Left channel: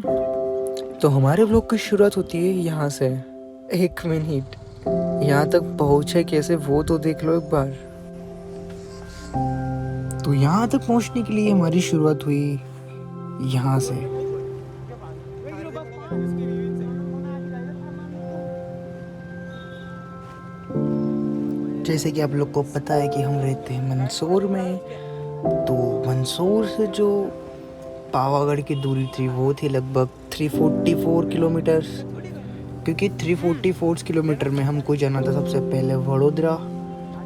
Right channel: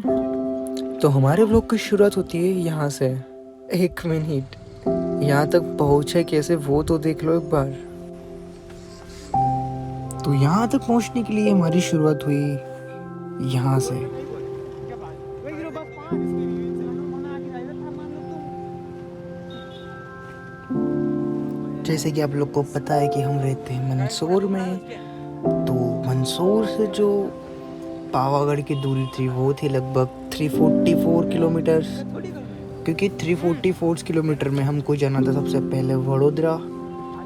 तो हमारे व्लॉग की शुरुआत होती है यहाँ से। 1 मिनट, यहाँ तक पहुँचे कैसे वो तो देख लो एक बार। तो यहाँ तक पहुँचने के लिए हमारी शुरुआत हुई यहाँ से। जैसे कि आप लोग को पता है कि हम रहते हैं मंदसौर में, तो मंदसौर से जो पावागढ़ की दूरी थी वो थी लगभग 344 किलोमीटर्स। क्योंकि 344 किलोमीटर में हमको जाना था सबसे पहले वडोदरा,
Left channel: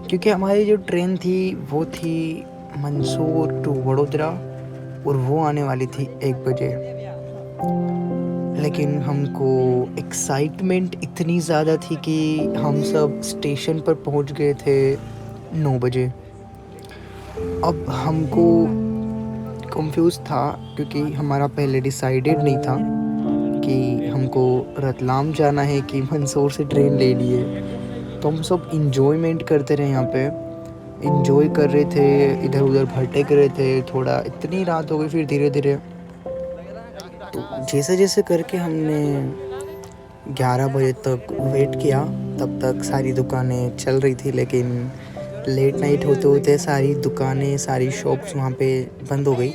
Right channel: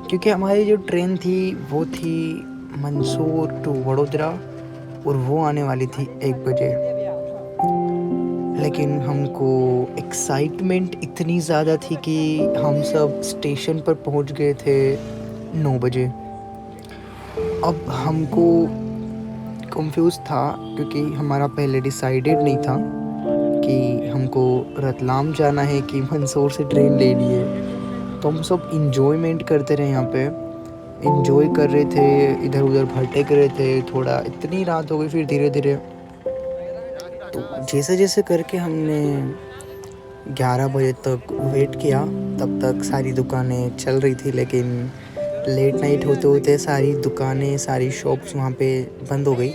क्योंकि हमारी जो ट्रेन थी वो थी मंदसौर टू वडोदरा और वो आने वाली थी 1 बजे। लेकिन हमको एक्साइटमेंट इतनी ज़्यादा थी कि हम सब स्टेशन पर पहुंच गए थे 9 बजे। अब हमको कंफ्यूज था क्योंकि हमारा पहले डिसाइडेड नहीं था कि हमको रतलाम जाना है कि मंदसौर से ट्रेन लेनी है। तो हम सब इंजॉयमेंट करते रहे, यहाँ पे इंजॉय कर रहे थे, इधर उधर भटक रहे थे। थोड़ा इतनी रात हो गई, फिर धीरे धीरे तो जैसे जैसे करके हमने 11 बजे तक वेट किया। तब तक सारी दुकानें चल रही थी, लेकिन लेट नाइट होते होते सारी दुकानें, सारी शॉप्स वहाँ पे बंद हो गई।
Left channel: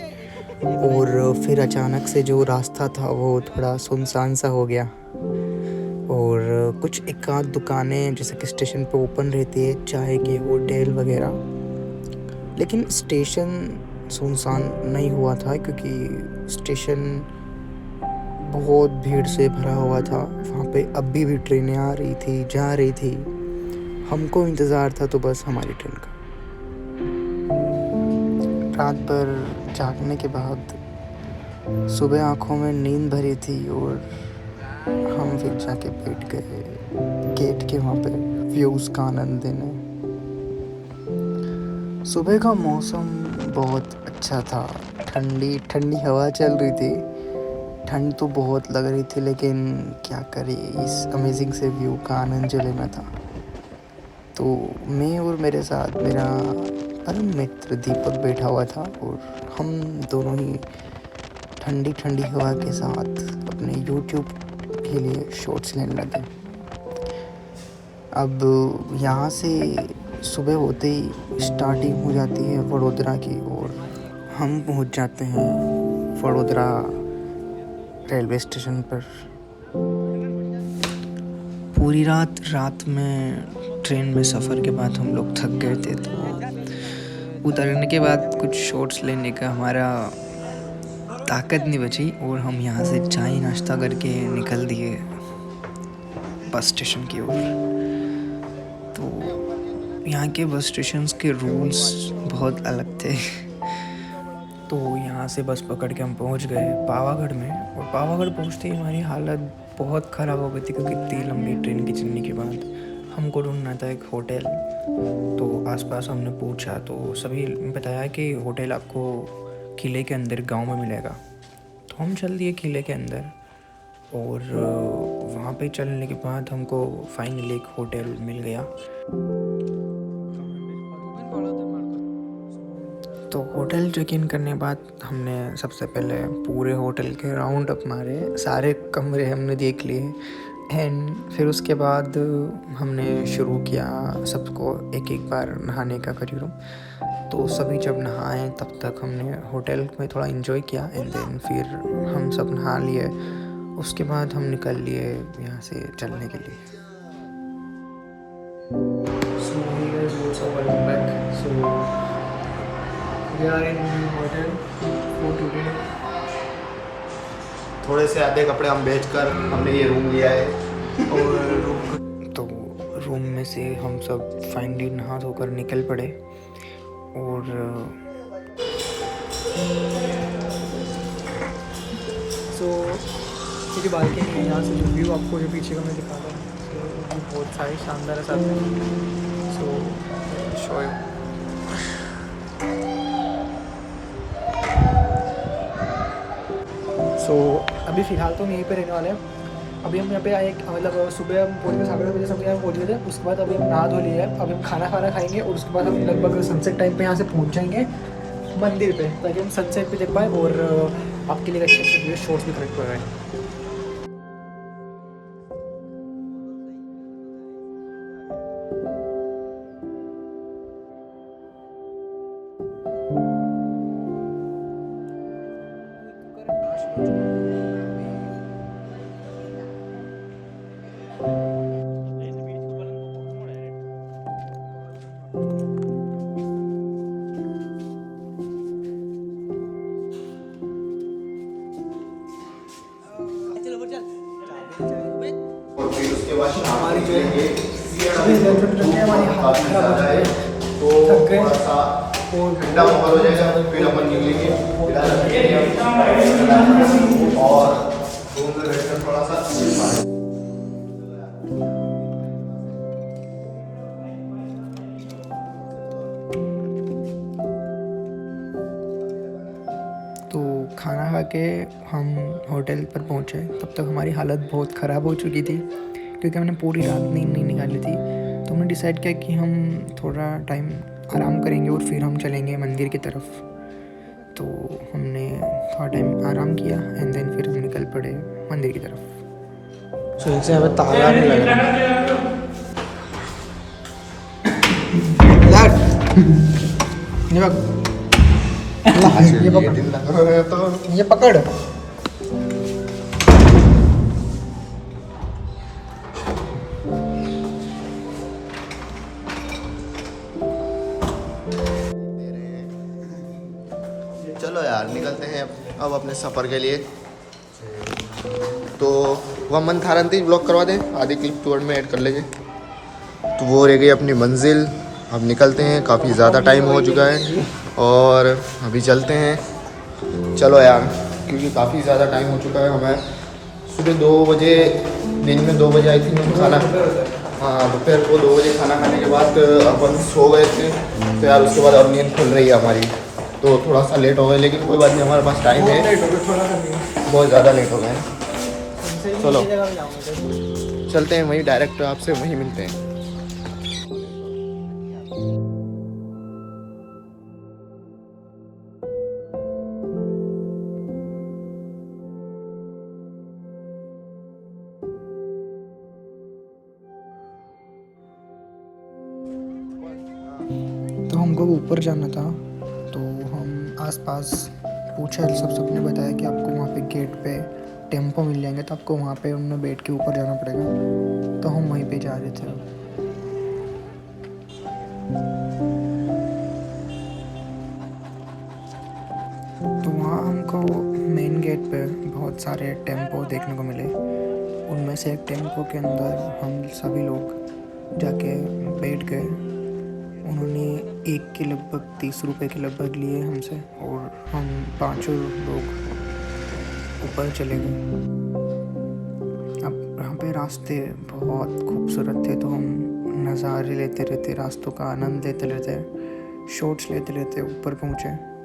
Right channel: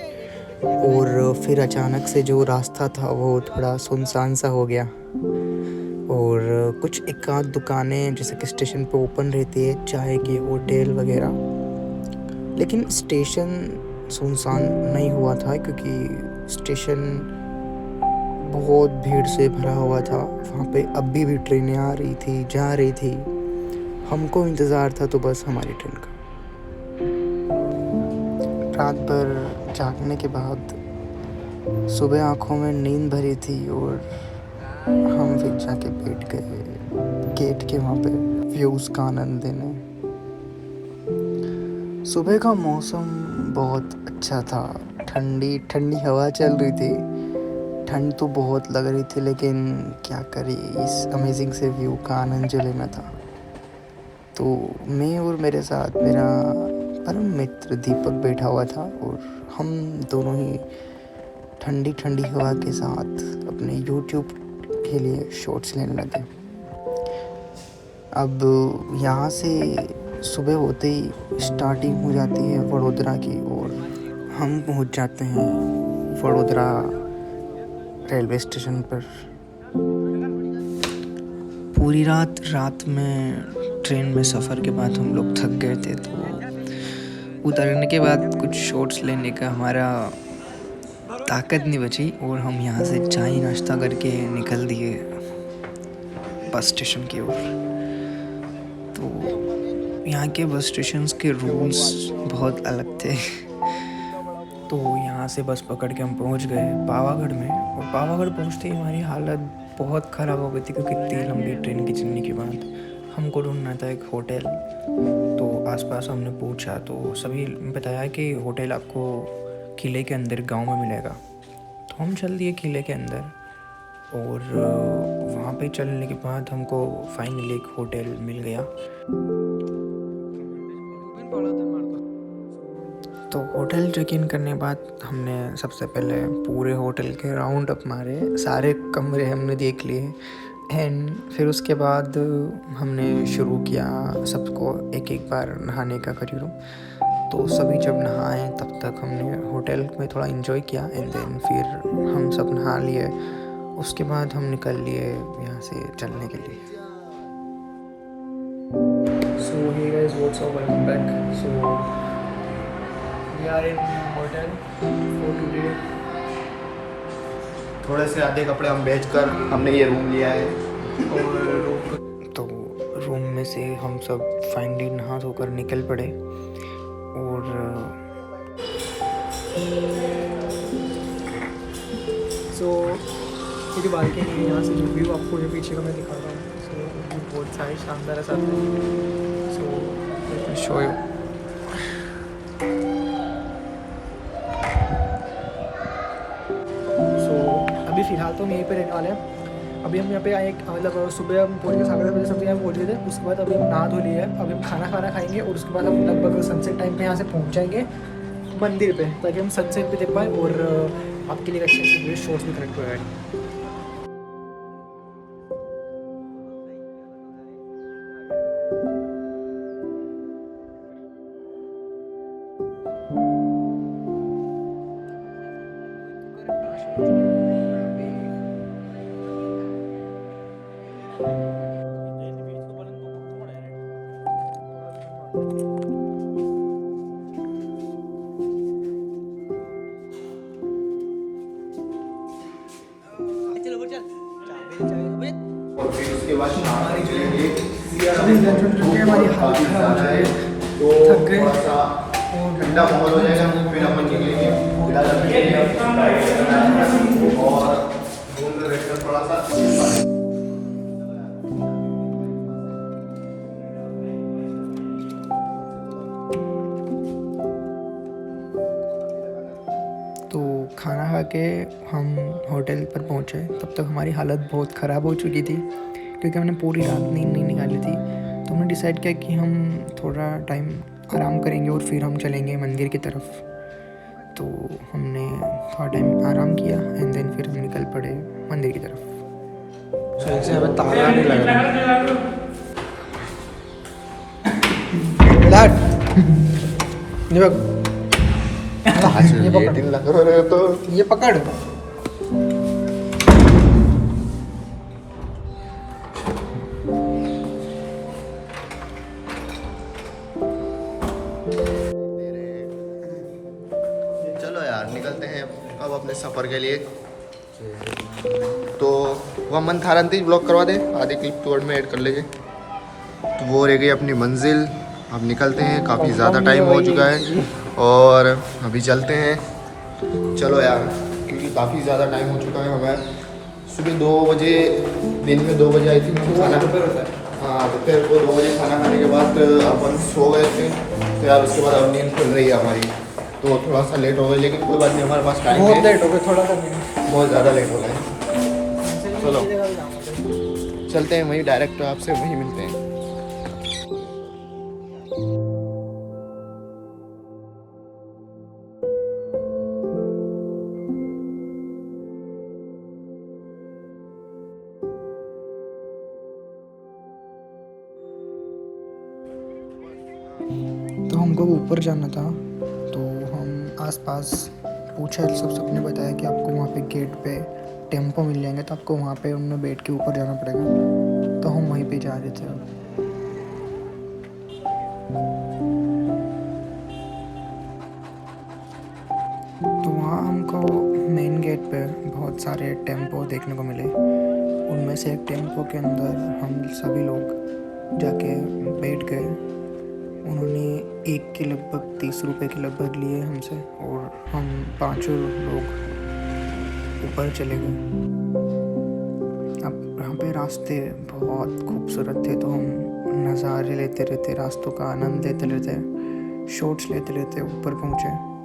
और फिर अचानक से जो रास्ता था वो थोड़ा सुनसान सा हो गया, और कुछ एक आध दुकानें जैसे कि स्टेशन पे ओपन रहती है, चाय के होटल वगैरह। लेकिन स्टेशन सुनसान नहीं हुआ था क्योंकि स्टेशन बहुत भीड़ से भरा हुआ था। वहाँ पे अभी भी ट्रेनें आ रही थी, जा रही थी। हमको इंतज़ार था तो बस हमारी ट्रेन का। रात भर जागने के बाद सुबह आँखों में नींद भरी थी और हम फिर जाके बैठ गए गेट के वहाँ पे व्यूज़ का आनंद लेने। सुबह का मौसम बहुत अच्छा था, ठंडी ठंडी हवा चल रही थी। ठंड तो बहुत लग रही थी, लेकिन क्या करें, इस अमेजिंग से व्यू का आनंद जो लेना था। तो मैं और मेरे साथ मेरा परम मित्र दीपक बैठा हुआ था, और हम दोनों ही ठंडी ठंडी हवा के साथ अपने यूट्यूब के लिए शॉर्ट्स लेने लगे। अब यहाँ से सुबह होते ही स्टार्टिंग हो जाती है वडोदरा की, और हम पहुँच जाते हैं वडोदरा रेलवे स्टेशन पर। पूरी रात में ट्रेन में सफ़र के बाद हम लोग थक गए थे, तो उतरने के बाद कुछ शॉट्स लेने का हमारा ताकत नहीं बची, और हम यहाँ से चाय नाश्ता करके निकल दिए बस स्टेशन की ओर। तो यहाँ के बस स्टेशंस के रूल्स बहुत अलग थे। तो यहाँ से बस पकड़ के हम पहुँच गए पावागढ़ में, और पावागढ़ पहुँचते ही हमारी हालत बहुत ख़राब हो गई थी, क्योंकि इतनी लंबी ट्रेन की जर्नी के बाद हमको ढूंढना था एक होटल। तो आसपास हमने पूछा तो सभी बताया कि होटल आपको किले के अंदर गांव में मिलेगा। तो हम चल दिए किले के अंदर, और वहाँ पे चलने के बाद हमको फाइनली एक होटल मिल गया। तो होटल चेक इन करने के बाद हमने सबसे पहले पूरे होटल के राउंड अप मारे, सारे कमरे हमने देख लिए। एंड फिर उसके बाद हमने शुरू किया सबको एक एक बार नहाने का करीब। तो सभी जब नहाए तब तक हमने होटल में थोड़ा एंजॉय किया, एंड देन फिर हम सब नहा लिए। उसके बाद हम निकल लिए यहाँ से चलने के लिए। So hey guys, what's up? Welcome back. So we are in new hotel for today. थोड़े से आधे कपड़े हम बेचकर हमने ये रूम लिया है। और तो रूम में से हम सब फाइनली नहा धोकर निकल पड़े। और सो ये जो बालकनी है, यहाँ से जो व्यू आपको जो पीछे का मैं दिखा रहा हूँ, सो व्यू बहुत सारे शानदार है साथ में। सो शो यू। सो अभी फ़िलहाल तो हम यहीं पे रहने वाले हैं। अभी हम यहाँ पे आए, मतलब सुबह हम पहुँच गए 7:30 बजे समथिंग यहाँ पहुँच गए थे। उसके बाद अभी हम नहा धो लिए है, अभी हम खाना खाएंगे, और उसके बाद हम लगभग सनसेट टाइम पे यहाँ से पहुँच जाएंगे मंदिर पे, ताकि हम सनसेट भी देख पाएँ और आपके लिए अच्छे अच्छे वीडियो शॉर्ट्स भी कनेक्ट हो रहे हैं। और फिर उसके बाद हमारी जो अभी लंच उठ चुके हैं, हमारी हालत खराब हो गई है, तो थक गए थोड़ा सा और ठंडा माहौल हो जाएगा, फिर अपन निकलेंगे फिलहाल और रूम में बैठकर थोड़ा सा तो खाना खा के हम होटल पर पहुँचे। तब तक हमारी हालत बहुत ख़राब हो चुकी थी क्योंकि हमने पूरी रात नींद नहीं निकाली थी। तो हमने डिसाइड किया कि हम थोड़ा टाइम आराम करेंगे और फिर हम चलेंगे मंदिर की तरफ। तो हमने थोड़ा टाइम आराम किया एंड देन फिर हम निकल पड़े मंदिर की तरफ। सही से हमें ताला नहीं लग रहा। ये पकड़, ये पकड़। चलो यार निकलते हैं अब अपने सफ़र के लिए। तो वह मन था रंती ब्लॉक करवा दें, आधी क्लिप टूर में ऐड कर लेंगे। तो वो रह गई अपनी मंजिल। अब निकलते हैं, काफ़ी ज़्यादा टाइम हो चुका है और अभी चलते हैं। चलो यार, क्योंकि काफ़ी ज़्यादा टाइम हो चुका है। हमें सुबह 2 बजे, दिन में 2 बजे आई थी मैं खाना, हाँ दोपहर को 2 बजे खाना खाने के बाद अपन सो गए थे। तो यार उसके बाद अब नींद खुल रही है हमारी, तो थोड़ा सा लेट हो गए, लेकिन कोई बात नहीं, हमारे पास टाइम है। थोड़ा सा बहुत ज़्यादा लेट हो गए। चलो चलते हैं वहीं, डायरेक्ट आपसे वहीं मिलते हैं। तो हमको ऊपर जाना था, तो हम आसपास पूछा, सबने बताया कि आपको वहाँ पे गेट पे टेम्पो मिल जाएंगे, तो आपको वहाँ पे उनमें बैठ के ऊपर जाना पड़ेगा। तो हम वहीं पे जा रहे थे अब। तो वहाँ हमको मेन गेट पे बहुत सारे टेम्पो देखने को मिले। उनमें से एक टेम्पो के अंदर हम सभी लोग जाके बैठ गए। उन्होंने एक के लगभग 30 रुपए के लगभग लिए हमसे, और हम 5 लोग ऊपर चले गए। अब यहाँ पे रास्ते बहुत खूबसूरत थे, तो हम नज़ारे लेते रहते, रास्तों का आनंद लेते रहते, शॉट्स लेते रहते ऊपर पहुँचे।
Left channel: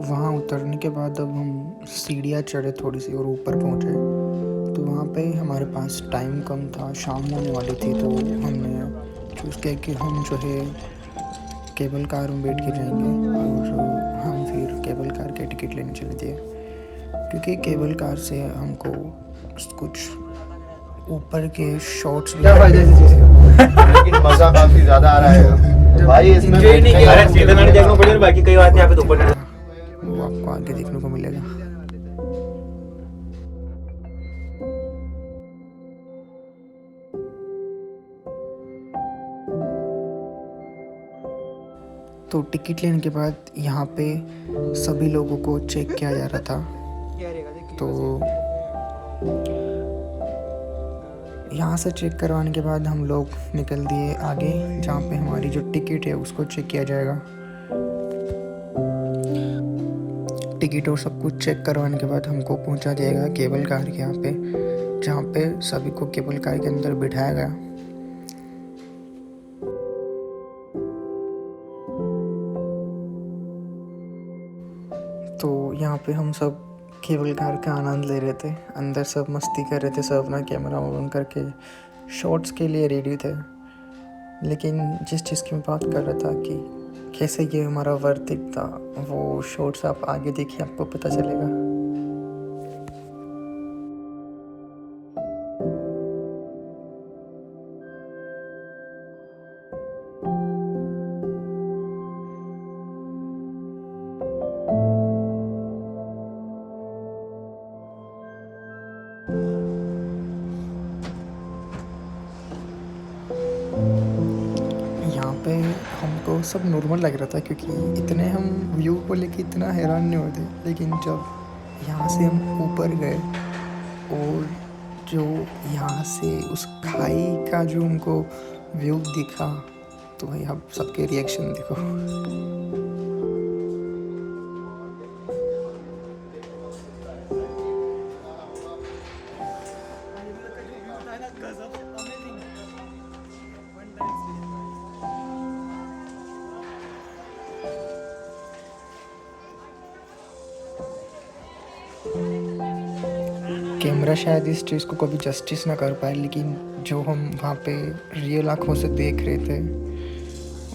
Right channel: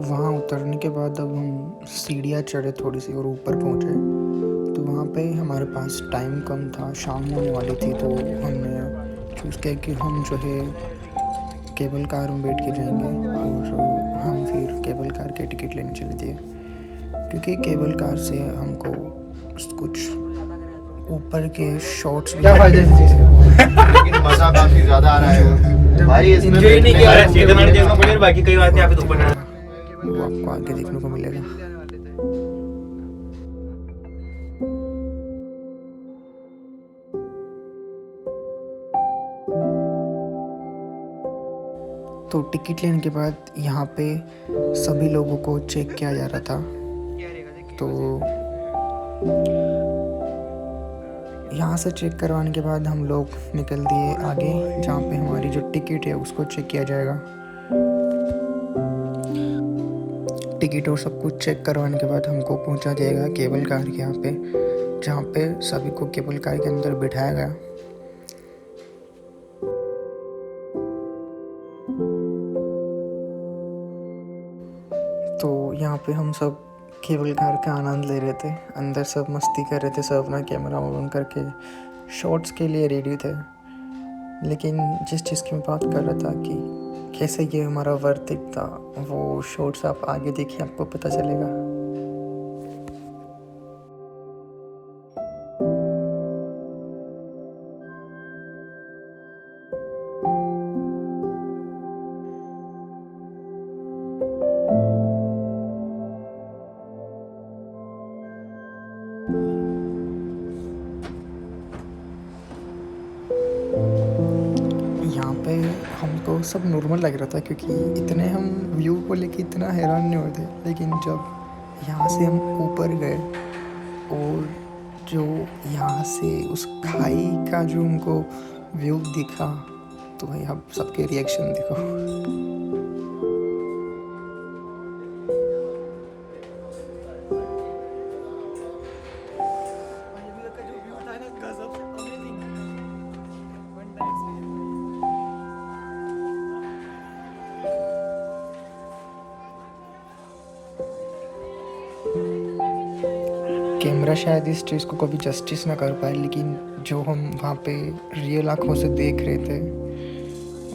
वहाँ उतरने के बाद अब हम सीढ़ियाँ चढ़े थोड़ी सी और ऊपर पहुँचे। तो वहाँ पे हमारे पास टाइम कम था, शाम होने वाली थी, तो हमने चूज़ किया कि हम जो है केबल कार में बैठ के जाएंगे। और हम फिर केबल कार के टिकट लेने चले थे, क्योंकि केबल कार से हमको कुछ ऊपर के शॉट्स भी लेकिन मजा काफी ज्यादा आ रहा है भाई, इसमें Enjoy नहीं किया। देखना पड़ेगा, बाकी कई बातें यहाँ पे ऊपर वो आपको आगे देखने को मिलेगा। तो टिकट लेने के बाद यहाँ पे सभी लोगों को चेक किया जा रहा था। तो यहाँ से चेक करवाने के बाद हम लोग निकल दिए आगे, जहाँ पे हमारी जो टिकट है उसको चेक किया जाएगा। टिकट और सब कुछ चेक करवाने के बाद हमको पहुँचा जाएगा केबल कार के यहाँ पे, जहाँ पे सभी को केबल कार के अंदर बिठाया गया। तो यहाँ पे हम सब केबल कार का आनंद ले रहे थे, अंदर सब मस्ती कर रहे थे, सब अपना कैमरा ऑन करके शॉट्स के लिए रेडी थे। लेकिन जिस चीज़ की मैं बात कर रहा था कि कैसे ये हमारा वर्थ इट था, वो शॉट्स आप आगे देखिए, आपको पता चलेगा। यहाँ पे हमको सब नॉर्मल लग रहा था, क्योंकि इतने हम व्यू को लेके इतना हैरान नहीं होते। लेकिन जब यहाँ से हम ऊपर गए और जो यहाँ से उस खाई का जो हमको व्यू दिखा, तो भाई आप सबके रिएक्शन देखो। कैमरा शायद इस चीज़ को कभी जस्टिस ना कर पाए, लेकिन जो हम वहाँ पे रियल आँखों से देख रहे थे,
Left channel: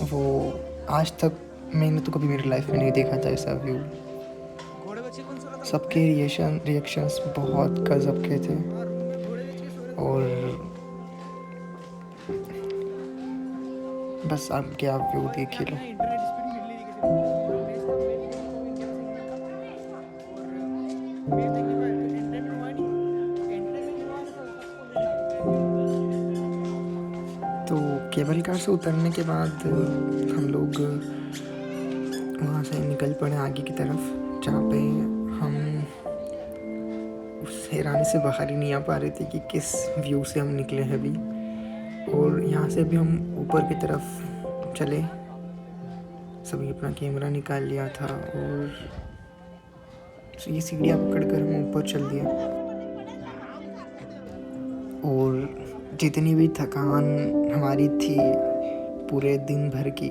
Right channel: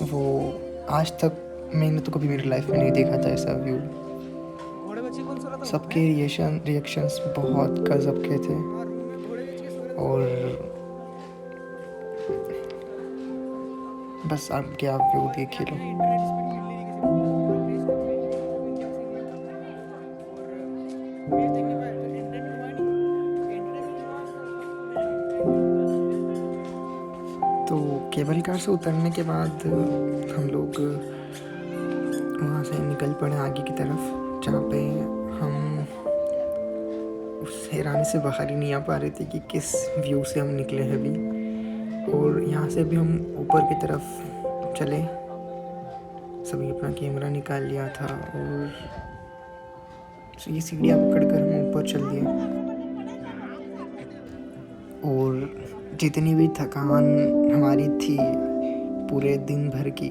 वो आज तक मैंने तो कभी मेरी लाइफ में नहीं देखा था ऐसा व्यू। सबके रिएक्शंस बहुत गजब के थे। और बस आप क्या व्यू देख ही लो। तो केबल कार से उतरने के बाद हम लोग वहाँ से निकल पड़े आगे की तरफ, जहाँ पे हम उस हैरानी से बाहर ही नहीं आ पा रहे थे कि किस व्यू से हम निकले हैं अभी। और यहाँ से भी हम ऊपर की तरफ चले, सभी अपना कैमरा निकाल लिया था और ये सीढ़ियाँ पकड़ कर हम ऊपर चल दिए। और जितनी भी थकान हमारी थी पूरे दिन भर की,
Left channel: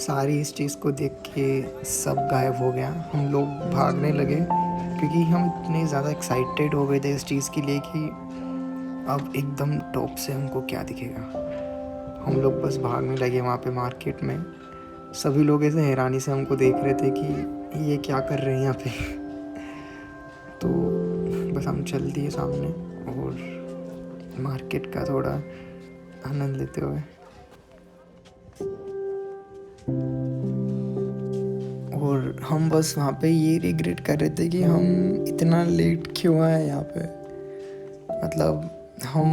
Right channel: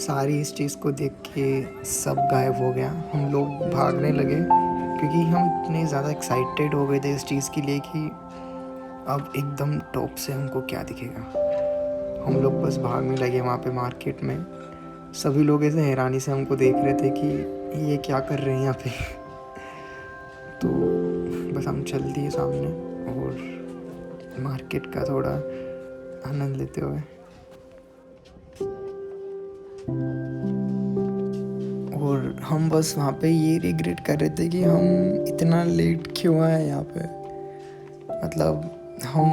सारी इस चीज़ को देख के सब गायब हो गया। हम लोग भागने लगे, क्योंकि हम इतने ज़्यादा एक्साइटेड हो गए थे इस चीज़ के लिए कि अब एकदम टॉप से हमको क्या दिखेगा। हम लोग बस भागने लगे वहाँ पे मार्केट में। सभी लोग ऐसे हैरानी से हमको देख रहे थे कि ये क्या कर रहे हैं यहाँ पे। तो बस हम चल दिए सामने और मार्केट का थोड़ा आनंद लेते हुए। और हम बस वहाँ पे ये रिग्रेट कर रहे थे कि हम इतना लेट क्यों आए यहाँ पे। मतलब हम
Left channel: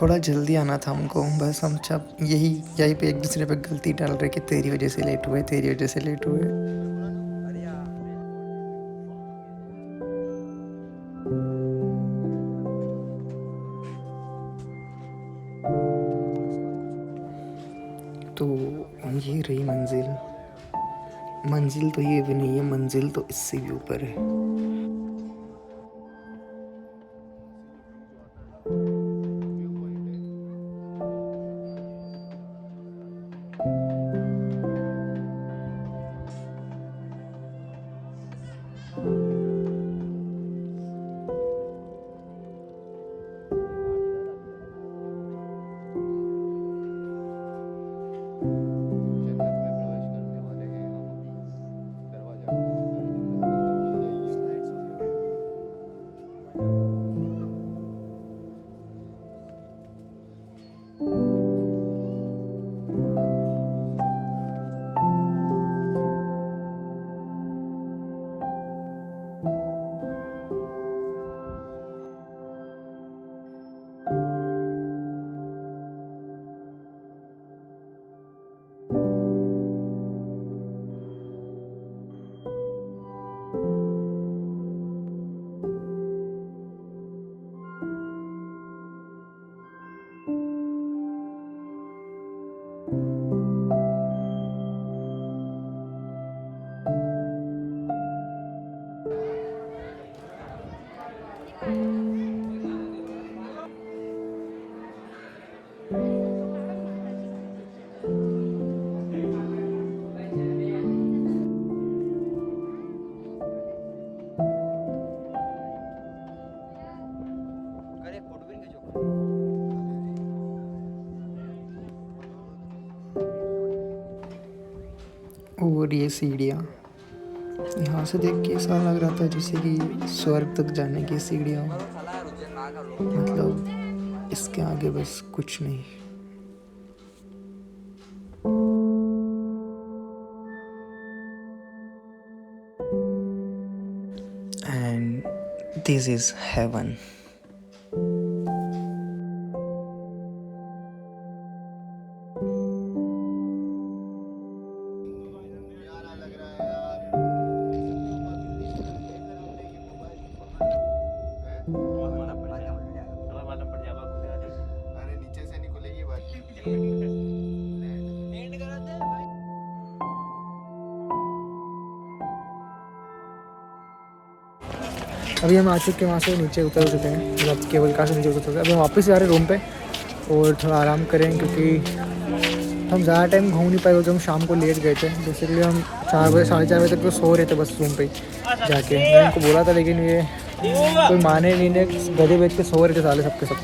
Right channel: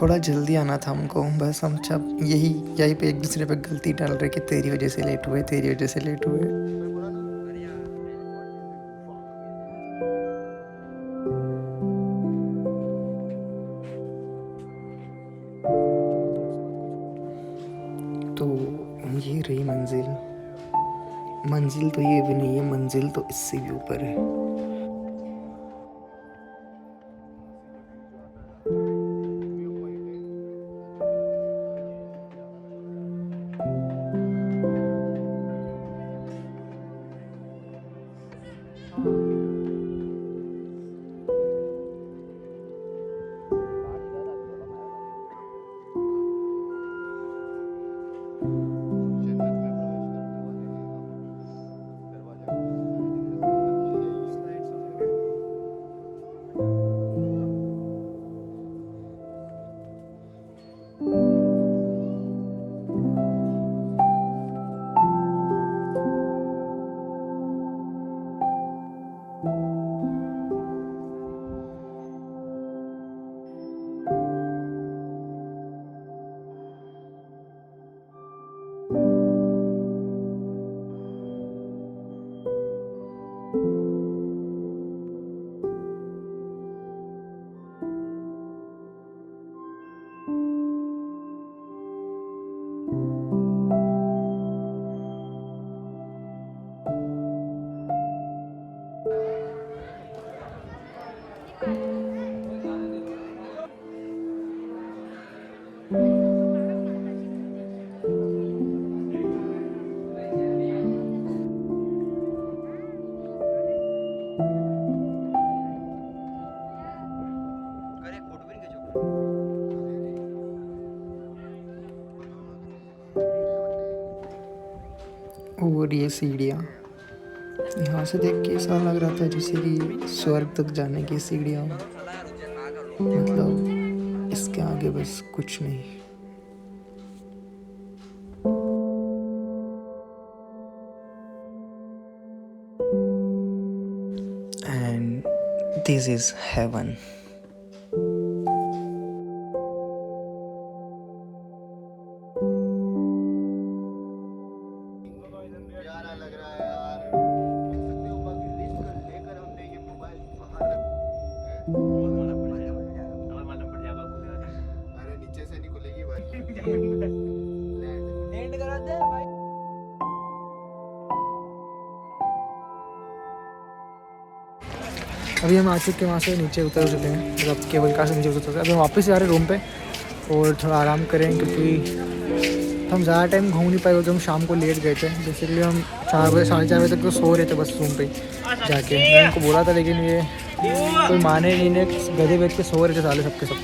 थोड़ा जल्दी आना था हमको, बस हम सब यही पे एक दूसरे पे गलती डाल रहे कि तेरी वजह से लेट हुए, तेरी वजह से लेट हुए। तो ये रही मंजिल तो ये भी नहीं है, मंजिल तो इससे भी ऊपर है। और ये सीढ़ियाँ, यहाँ से देख के ऐसा लग रहा था जैसे कि स्वर्ग तक जाने की सीढ़ियाँ, मतलब इसके आगे बस कुछ नहीं। And this is heaven. अरे नीचे से नहीं खुलेगी भाई। अभी हम आ चुके हैं वहाँ से, नीचे उतर चुके हैं, मतलब केबल कार से नीचे उतर चुके हैं। अभी हम वापस जा रहे हैं रूम पे और थोड़ा आराम करें, क्योंकि हम ज़्यादा टाइम घूम नहीं पाए क्योंकि हम शाम को लेट गए थे। बेसिकली हम 4 बजे 4:30 बजे तक तो सो रहे थे बस रूम पे ही जाके। मैं उनको बोला था लेकिन ये कोई माने नहीं, ने गधे बेच के सो रहे थे साले सबके सब।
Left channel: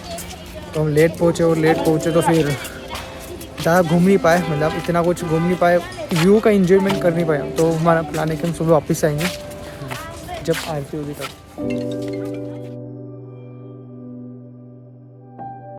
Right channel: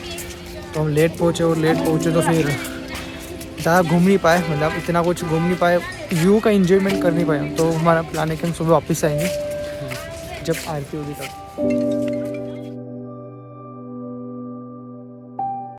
तो हम लेट पहुँचे और लेट पहुँचे तो फिर ज़्यादा घूम नहीं पाए, मतलब इतना कुछ घूम नहीं पाए, व्यू का इंजॉयमेंट कर नहीं पाए। तो हमारा प्लान है कि हम सुबह वापस आएंगे जब आरती होगी तब।